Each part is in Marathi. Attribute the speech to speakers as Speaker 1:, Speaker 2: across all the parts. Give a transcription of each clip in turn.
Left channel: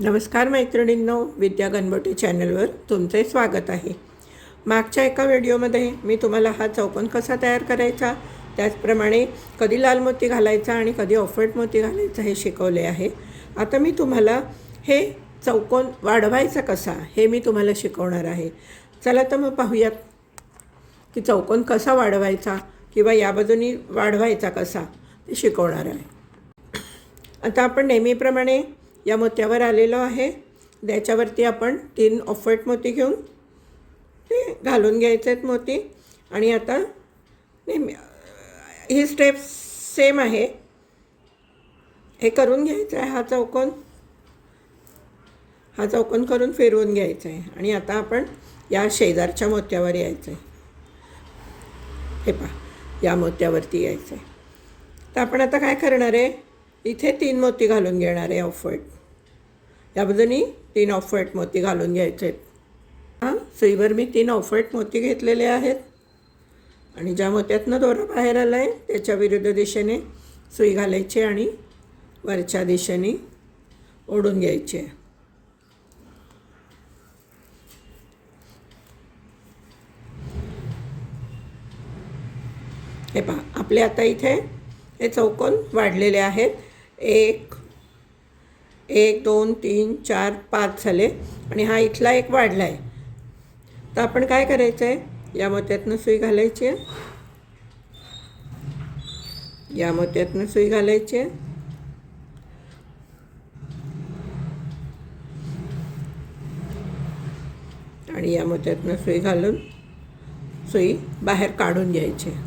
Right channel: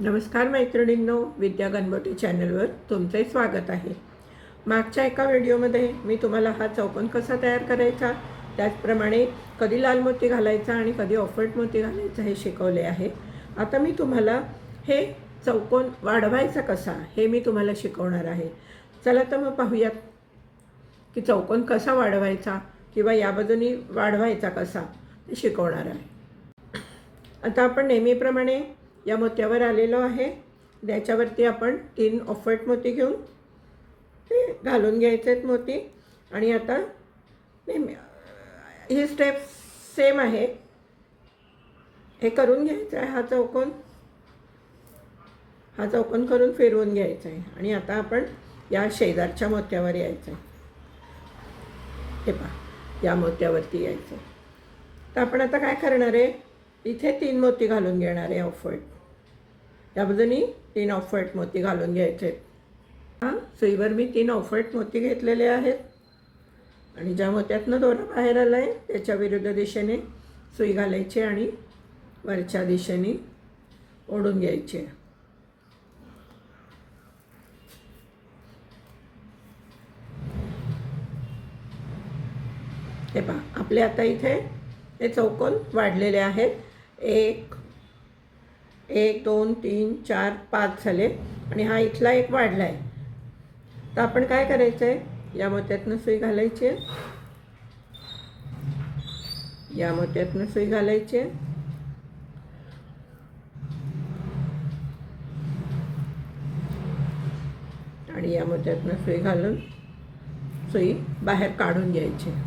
Speaker 1: नमस्कार मैत्रिणींनो विद्या गणबोटे चॅनलवर तुमचे स्वागत आहे. मागच्या एका व्हिडिओमध्ये मी तुम्हाला हा चौकोन कसा तयार करायचा त्याचप्रमाणे कधी लाल मोती घालायचा आणि कधी ऑफेट मोती घालायचा हे शिकवले आहे. आता मी तुम्हाला हे चौकोन वाढवायचा कसा हे मी तुम्हाला शिकवणार आहे. चला तर मग पाहूयात की चौकोन कसा वाढवायचा किंवा या बाजूनी वाढवायचा कसा ते शिकवणार आहे. आता आपण नेहमीप्रमाणे या मोत्यावर आलेलो आहे. त्याच्यावरती आपण तीन ऑफर्ट मोती घेऊन ते घालून घ्यायचे आहेत मोती. आणि आता नेहमी ही स्टेप सेम आहे. हे करून घ्यायचं आहे हा चौकोन. हा चौकोन करून फिरवून घ्यायचा आहे. आणि आता आपण या शेजारच्या मोत्यावर यायचं आहे. हे पहा या मोत्यावरती यायचं आहे. तर आपण आता काय करणार आहे? इथे तीन मोती घालून घेणार आहे ऑफर्ट. त्याबद्दल मी तीन ऑफर्ट मोती घालून घ्यायचे आहेत. हां सुईवर मी तीन ऑफर्ट मोती घेतलेले आहेत. आणि ज्या मोत्यातनं दोरा बाहेर आला आहे त्याच्या विरुद्ध दिशेने सुई घालायची आणि वरच्या दिशेने ओढून घ्यायची आहे. हे पहा आपले आता इथे हे चौकोन वाढलेले आहेत. एक एक दोन तीन चार पाच झाले आणि हा इथला एक वाढला आहे तर आपण काय करायचं आहे या मोत्यातनं सुई घालायची आहे. या मोत्यातनं सुई घालायची आहे. आणि या मोत्यातनं सुई घालून सुई बाहेर काढून घ्यायची आहे.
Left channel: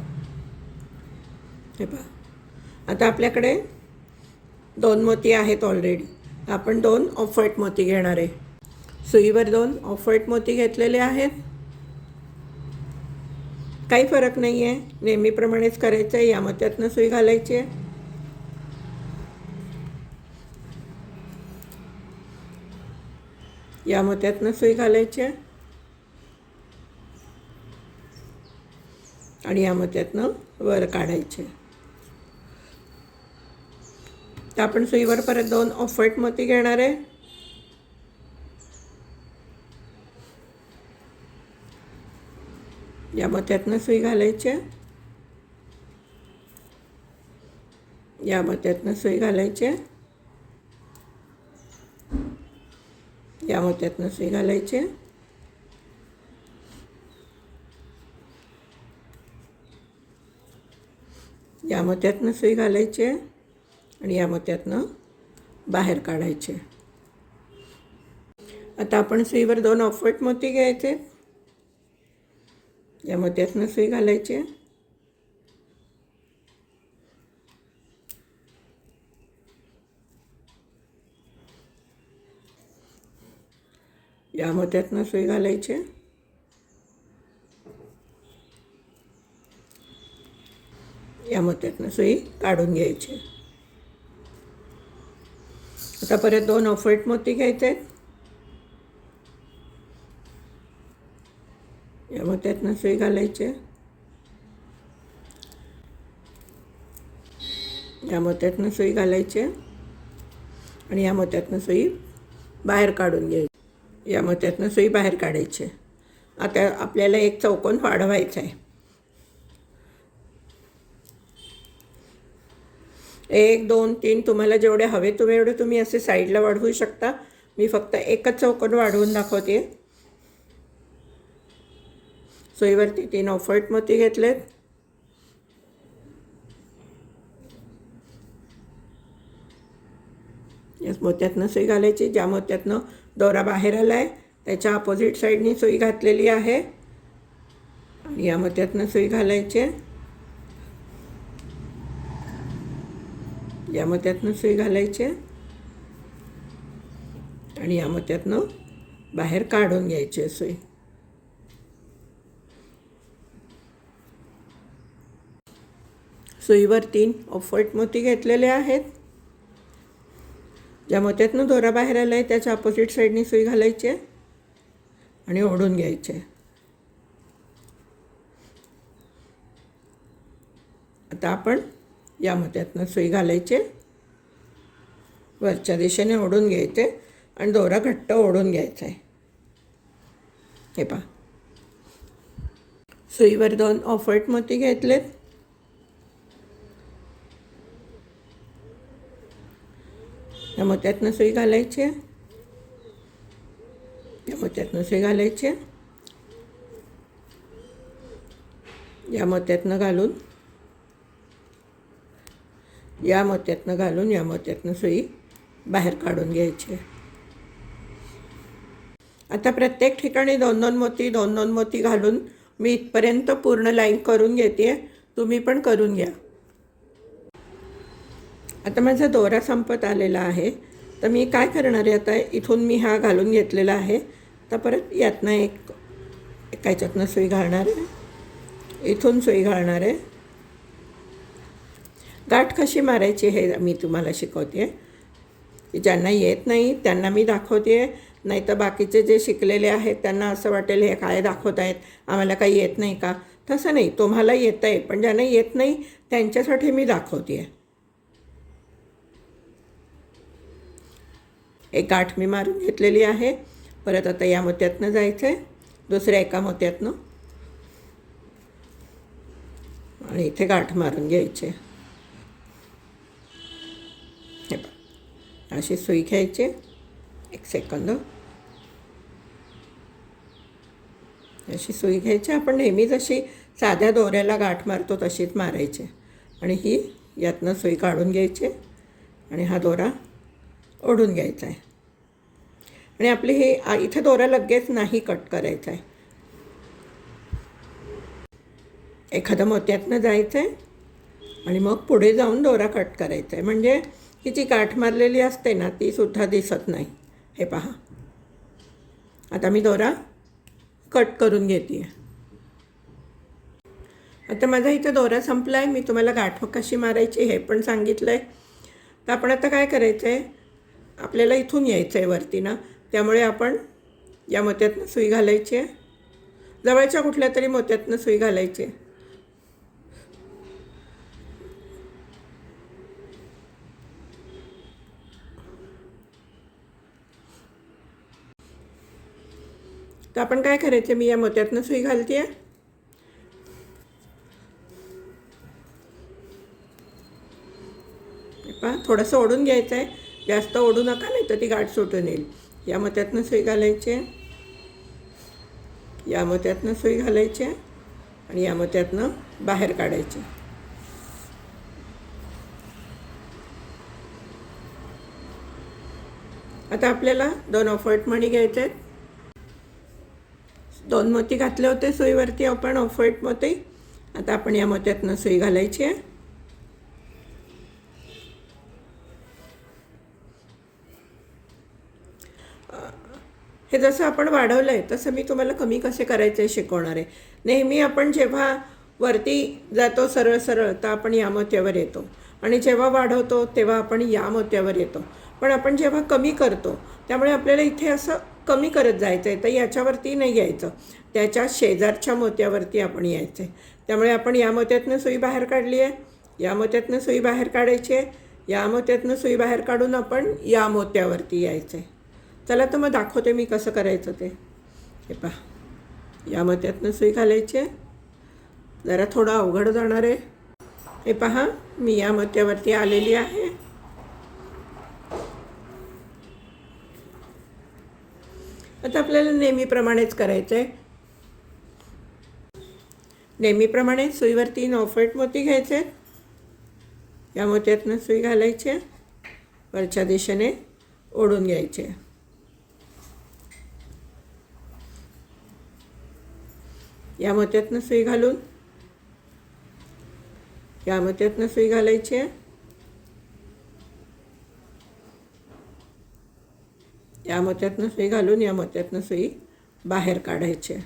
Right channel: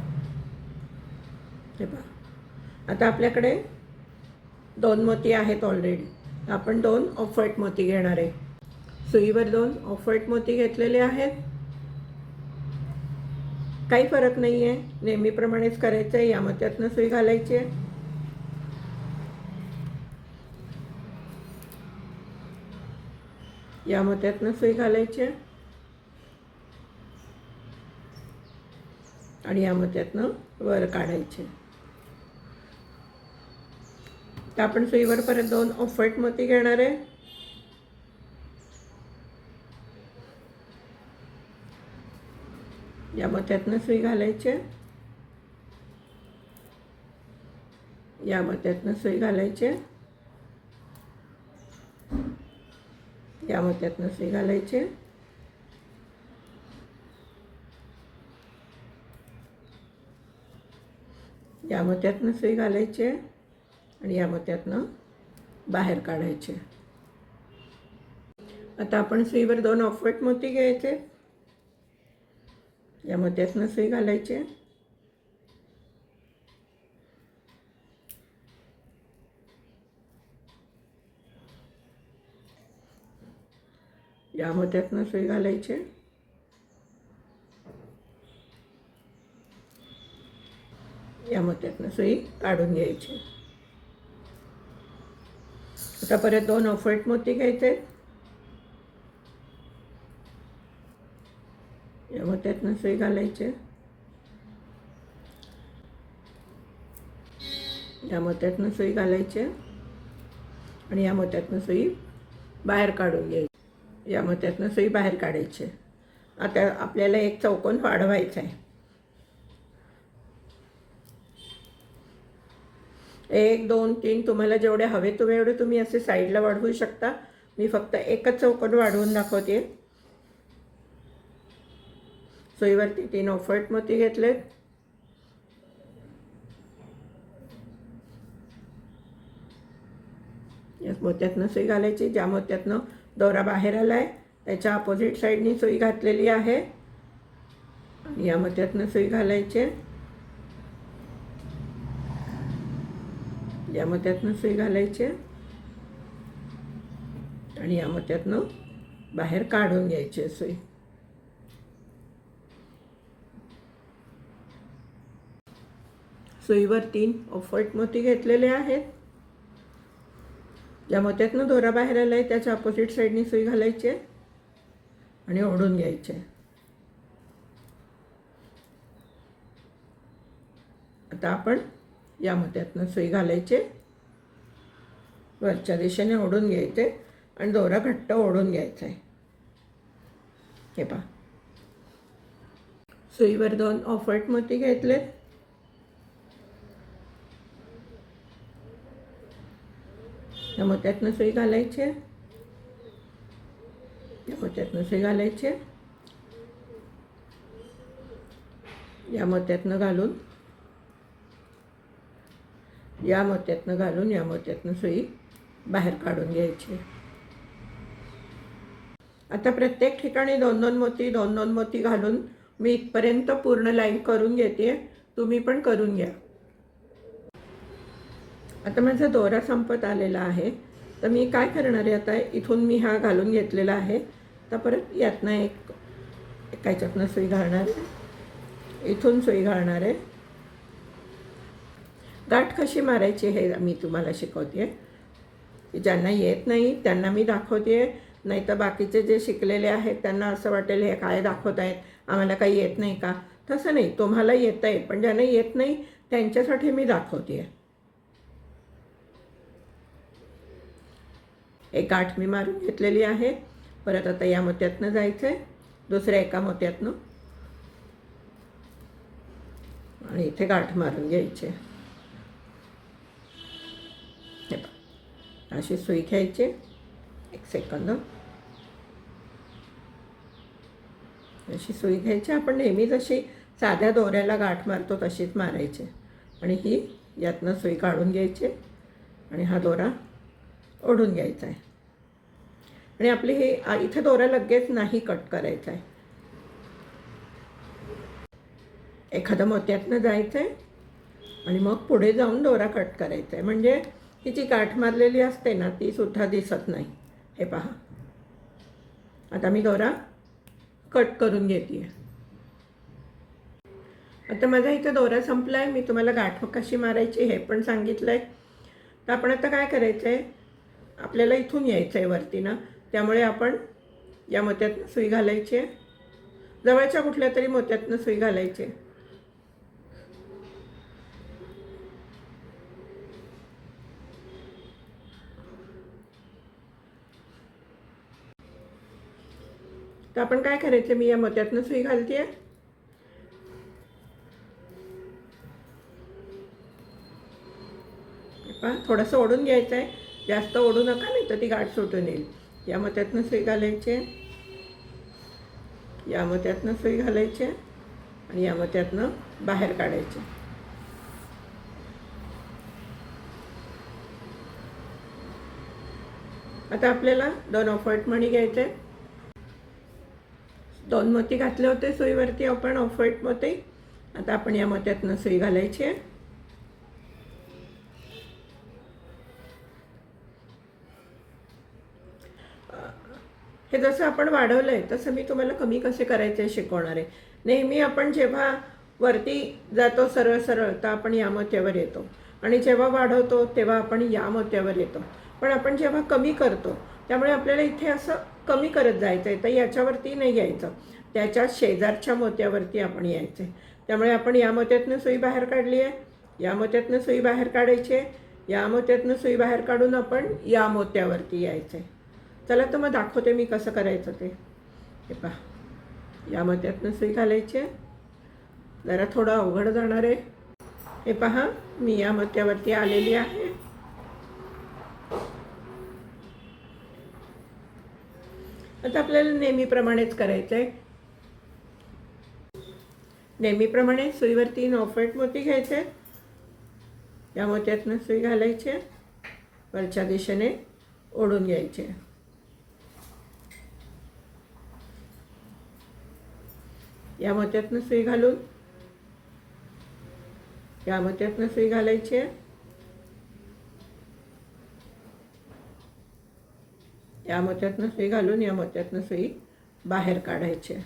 Speaker 1: हे पहा. आता आपल्याकडे दोन मोती आहेत ऑलरेडी आपण दोन ऑफर्ट मोती घेणार आहे. सुईवर दोन ऑफर्ट मोती घेतलेले आहेत. काही फरक नाही आहे नेहमीप्रमाणेच करायचं आहे. या मोत्यातनं सुई घालायची आहे. या मोत्यातनं सुई घालायची आहे. आणि या मोत्यातनं वर काढायचे तर आपण सुईवर परत दोन ऑफट मोती घेणार आहे या मोत्यातनं सुई घालायची आहे. या मोत्यातनं सुई घालायची आहे. या मोत्यातनं सुई घालायची आहे. या मोत्यातनं सुई घालायची आहे आणि या मोत्यातनं बाहेर काढायचे. आता आपण सुईवर दोन ऑफट मोती घ्यायचे. या मोत्यातनं सुई घालायची. या मोत्यातनं सुई घालायची. या मोत्यातनं सुई काढून घ्यायची. आता परत दोन ऑफर्ट मोती घ्यायचे आहेत या मोत्यातनं सुई घालायचे. या मोत्यातनं सुई घालायचे. आणि या मोत्यातनं सुई बाहेर काढून घ्यायची. या मोत्यातनं सुई बाहेर काढायची. आता आपल्याला एक चौकोन वाढवायचा आहे एक दोन तीन तुम्हाला जेवढे हवे तुम्ही एवढे तुम्ही असे साईडला वाढवू शकता. मी फक्त एकच चौकट वाढवून दाखवते. सोयीवरती तीन ऑफर्ट मोती घेतलेत. याच मोत्यातनं सुई घालायची. ज्या मोत्यातनं दोरा बाहेर आला आहे त्याच्या अपोजिट साईडनी सुई घातलेली आहे. आणि या मोत्यातनं सुई घालायची या मोत्यातनं सुई घालायची. आणि या मोत्यातनं बाहेर काढून घ्यायची आहे सुई सुईवर तीन ऑफर्ट मोती घेतलेले आहेत. ज्या मोत्यातनं दोरा बाहेर आला आहे त्याच्या अपोजिट साईडनी सुई घालायची. आहे आणि ओढून घ्यायचे. आता आपण या मोत्यातनं सुई घालायचे वरच्या दिशेने ओढून घ्यायचे आणि दोरा घट्ट ओढून घ्यायचा आहे. हे पहा. सुईवर दोन ऑफर्ट मोती घेतलेत. या मोत्यातनं सुई घालायची आहे. या मोत्यातनं सुई घालायची आहे. या मोत्यातनं घालून या मोत्यातनं घालून या मोत्यातनं सुई बाहेर काढून घ्यायची. आहे आता प्रत्येक ठिकाणी दोन दोन मोती दोन दोन मोती घालून मी इथपर्यंत पूर्ण लाईन करून घेते. तुम्ही पण करून घ्या. आता माझा दोरा संपत आलेला आहे. तर मी काय करणार आहे आता? इथून मी हा घालून घेतलेला आहे. तर परत यातनं एक एका ह्याच्यातनं सुई घालणार आहे. इथून सुई घालणार आहे. गाठ कशी मारायची हे मी तुम्हाला शिकवते ज्यांना येत नाही त्यांना मी दाखवते नाही तर बाकीचे जे शिकलेले आहेत त्यांना असं वाटेल हे काय दाखवत आहेत आम्हाला काही येत नाही का? तसं नाही. तुम्हाला येतं आहे पण ज्यांना येत नाही त्यांच्यासाठी मी दाखवते एक गाठ मी मारून घेतलेली आहे. परत आता या मोत्यातनं जायचं आहे दुसऱ्या एका मोत्यातनं. आणि इथे गाठ मारून घ्यायचे हे पहा. अशी सुई घ्यायची. एक सेकंद अशी सुई घ्यायची. आपण नेहमी जशी साध्या दोऱ्याला गाठ मारतो तशीच मारायची. आणि ही यातनं सुई काढून घ्यायची आणि हा दोरा ओढून घ्यायचा आहे. आणि आपली हे इथे दोरा लगेच नाही कट करायचा आहे. एखादं मोत्यातनं जायचं आहे आणि मग पुढे जाऊन दोरा कट करायचा आहे. म्हणजे ही जी गाठ मारलेली असते ना ती सुद्धा दिसत नाही. हे पहा. आता मी दोरा कट करून घेते आता माझा इथे दोरा संपला आहे मी तुम्हाला गाठ कशी मारायची हे पण सांगितलं आहे तर आपण आता काय करायचं आहे आपल्याला इथून यायचं आहे वरती ना. त्यामुळे आपण या मोत्यातनं सुई घालायची आहे. जवळच्या कुठल्या तरी मोत्यातनं सुई घालायची आहे. तर आपण काय करायचं? मी या मोत्यातनं सुई घालते आहे पहा थोडंसं ओढून घ्यायचं आहे जास्त ओढू नका नाही तर ती गाठ सुटून येईल. या मत्यातनं सुई घालायची. आहे या मत्यातनं सुई घालायची आहे आणि या मत्यातनं बाहेर काढायची. आता आपल्याला दोन ऑफर्ट मणी घ्यायचे आहेत दोन मोती घातले होते सुईवरती आपण ऑफर्ट मोती. आता आपण या मोत्यातनं सुई घालायची आहे. हे जसं आपण वाढवलं आहे तसं मी तुम्हाला कमी कसे करायचे शिकवणार आहे. नेहमी आपण जेव्हा वरती जातो सरळ सरळ तर आपण या मोत्यावर येतो. आणि जेव्हा वाढवतो तेव्हा आपण या मोत्यावर येतो. पण आपण जेव्हा कमी करतो त्यामुळे आपल्याला इथे असं कमी करत जायचं आहे तर याच्यावरती नाही यायचं. त्याच्या शेजारच्या मोत्यावरती आपण यायचं आहे त्यामुळे आपण या मोत्यातनं सुई बाहेर काढली आहे या मोत्यातनं सुई बाहेर काढायची आहे या मोत्यातनं सुई बाहेर काढून आपण या मोत्यावरती यायचं आहे चला तर मग दाखवते मी कसं करायचं ते. हे पहा. या मोत्यातनं सुई घालायची आहे. जरा थोडं अवघड जाणार आहे. हे पहा मी या मोत्यावरती आलेली आहे. आता आपल्याला नेहमीप्रमाणेच करायचं आहे नेहमीप्रमाणे सुईवर तीन ऑफेट मोती घ्यायचे या मोत्यातनं सुई घालायची आहे. वरच्या दिशेने ओढून घ्यायचे या मोत्यातनं सुई घालून या मोत्यातनं सुई घालायची आहे. या मोत्यातनं सुई घालून या मोत्यातनं सुई बाहेर काढायची आहे.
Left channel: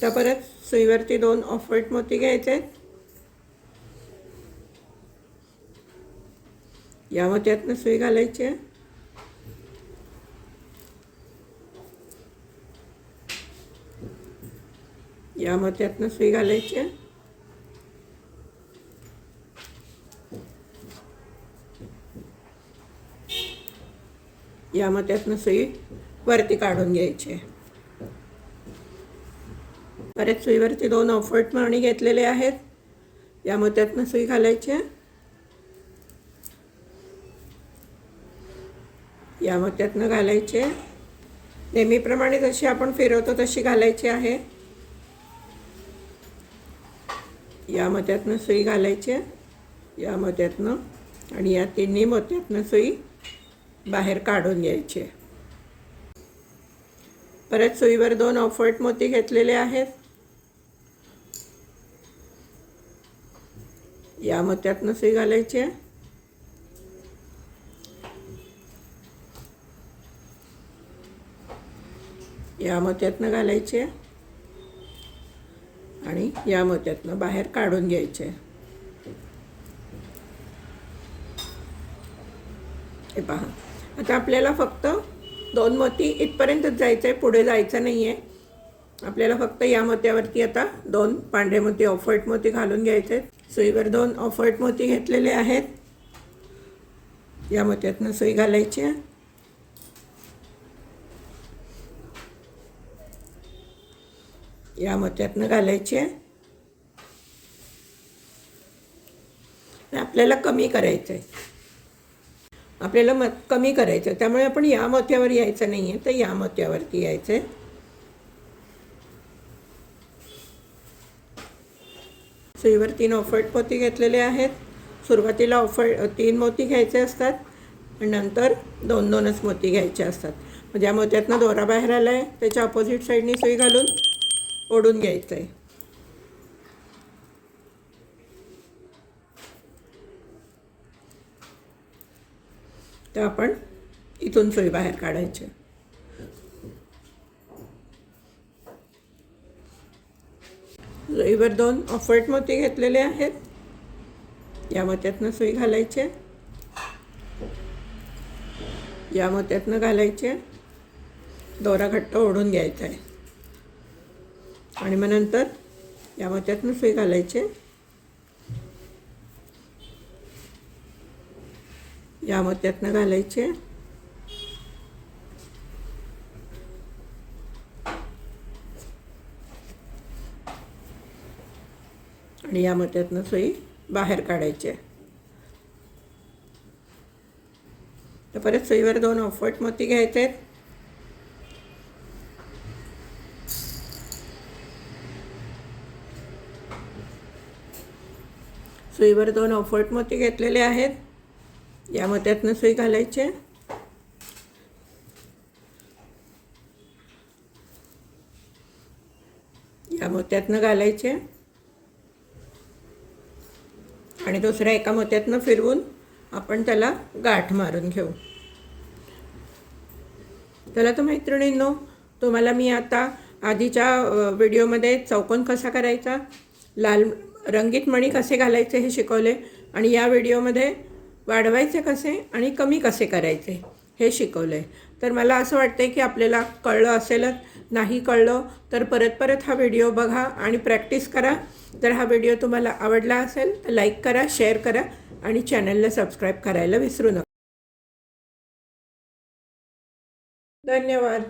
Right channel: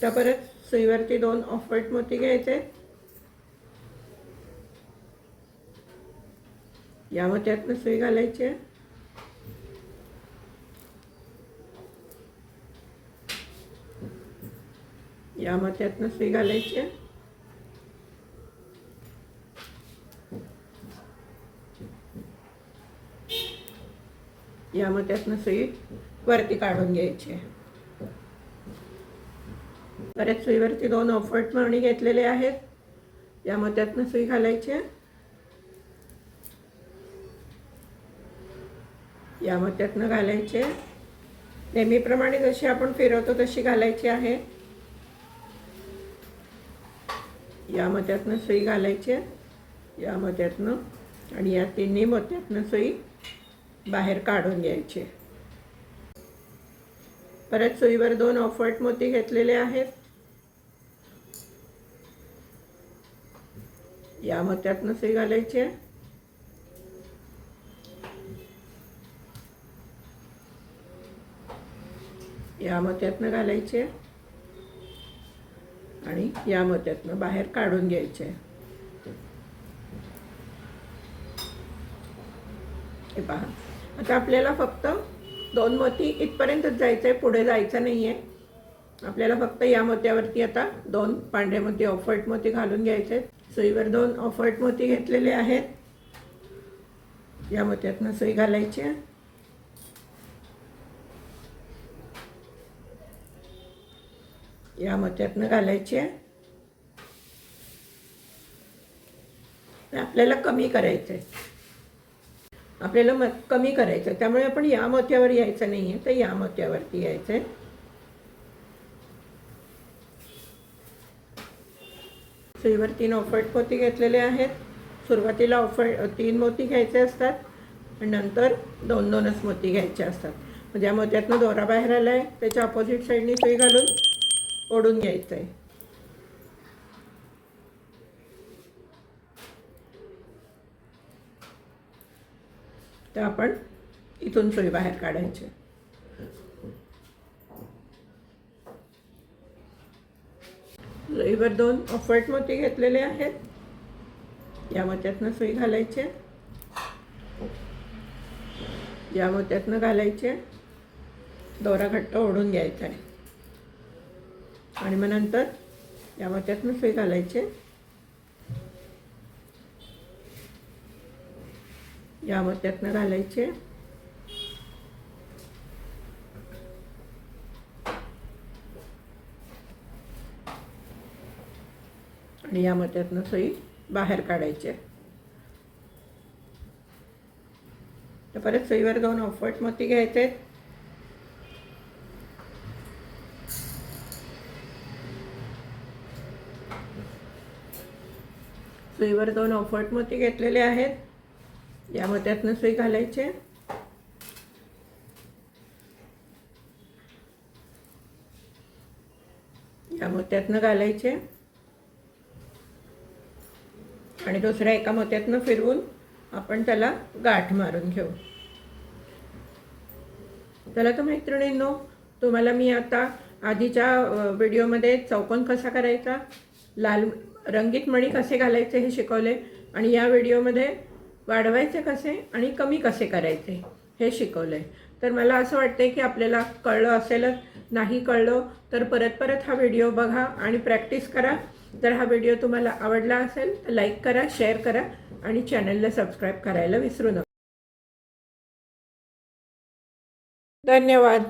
Speaker 1: त्या परत सुईवरती दोन ऑफर्ट मोती घ्यायचे आहेत या मोत्यातनं सुई घालायची आहे. या मोत्यातनं सुई घालायची आहे. या त्यातनं सुई वरती काढून घ्यायची परत सुईवरती दोन ऑफर्ट मणी घेतलेले आहेत. या त्यातनं सुई घालायची या त्यातनं घालायचे नेहमीप्रमाणे जशी आपण फिरवतो तशी घालायची आहे. या मत्यातनं सुई घालायची या मत्यातनं आणि या तिन्ही मोत्यातनं सुई बाहेर काढून घ्यायचे. परत सुईवर दोन ऑफर्ट मोती घेतलेले आहेत. या मोत्यातनं सुई घालायची आहे. या मोत्यातनं घालायचे आणि या मोत्यातनं बाहेर काढून घ्यायचे हे पहा. आता आपल्याला फक्त दोन मोती इथपर्यंतच जायचं आहे पुढे जायचं नाही आहे आपल्याला फक्त या मोत्यावरती आता दोन पांढरे मोती ऑफर्ट मोती घालून घ्यायचे आहेत सुईवर दोन ऑफर्ट मोती घेतलेले आहेत. या मोत्यातनं सुई घालायची. आहे या मोत्यातनं घालायची. आहे आपल्याला कमी करायचं आहे आपल्याला म कमी करायचं. आहे त्यामुळे आपण या मोत्यावर यायचं नाही आहे तर या मोत्यावरती यायचं आहे सुईवर तीन ऑफर्ट मोती घेतलेले आहेत. सुरुवातीला ऑफर तीन मोती घ्यायचे असतात. आणि नंतर दोन दोनच मोती घ्यायचे असतात. म्हणजे या मोत्यातनं दोरा बाहेर आला आहे त्याच्या ऑपोजिट साईडनी सुई घालून ओढून घ्यायचं आहे तर आपण इथून सुई बाहेर काढायची. सुईवर दोन ऑफर्ट मोती घेतलेले आहेत. या मोत्यातनं सुई घालायचे. या मोत्यातनं घालायचे. दोरा घट्ट ओढून घ्यायचा आहे. आणि मग नंतर या मोत्यातनं सुई घालायचे. या त्यातनं घालायचे. आणि या मोत्यातनं सोयी बाहेर काढायचे. तर परत सुईवर दोन ऑफट मोती घ्यायचे. आहेत सुईवर दोन ऑफर्ट मोती घेतलेले आहेत. या मोत्यातनं सुई घालायचे या मोत्यातनं घालायचे आणि दुसऱ्या एका मोत्यातनं फिरवून आपण त्याला गाठ मारून घेऊ. चला तर मैत्रिणींनो तुम्हाला मी आता आधीच्या व्हिडिओमध्ये चौकोन कसा करायचा लाल रंगीत मणी कसे घालायचे हे शिकवले. आणि या व्हिडिओमध्ये वाढवायचे कसे आणि कमी कसे करायचे हे शिकवलं आहे तर मला असं वाटतं की आपल्याला कळलं असेलच नाही कळलं तर परत परत हा व्हिडिओ बघा आणि प्रॅक्टिस करा. जर हा व्हिडिओ तुम्हाला आवडला असेल तर लाईक करा शेअर करा आणि चॅनलला सबस्क्राईब करायला विसरू नका. धन्यवाद.